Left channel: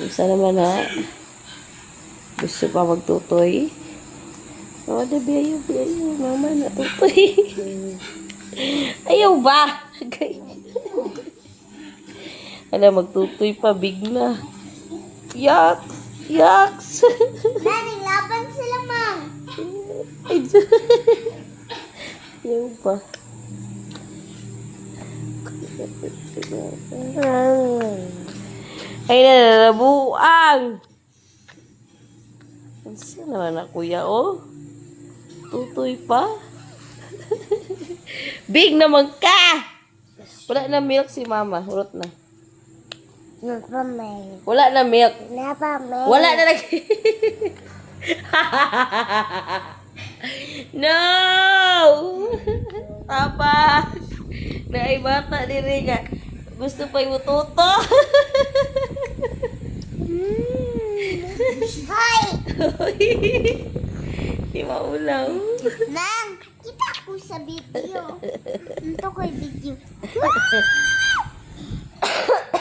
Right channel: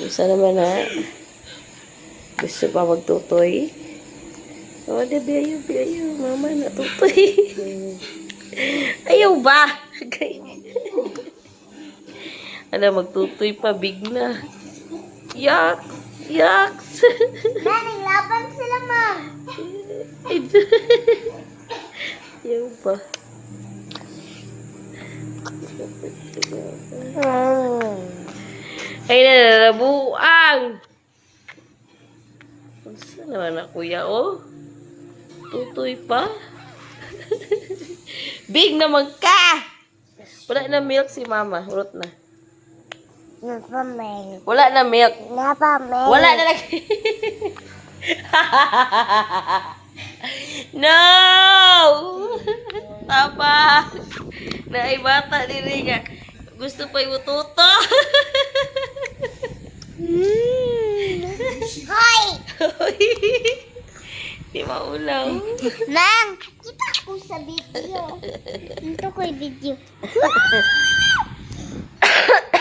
Isa naman na gusto pa magtutoy. O, di biyayo, biyayo. Mama na tutoy. Ayaw ba? Ano, magtutoy pa, big na. Yak! Yaks! Nani, laban sila, Ma'am. Ayaw ba? Ay, nalalabuang! Saan naman na, kuya, oh? Tutoy pa? Big naman ka! Wala na milk si mama. Urot na. Napamay. Wala na milk. Napamay. Wala na lagi. No! Tapa! Naibata din niya. Gusto pa yung tuto. Hoy! Di maulang. Nang, kita ko sa video. Ito ko yung video.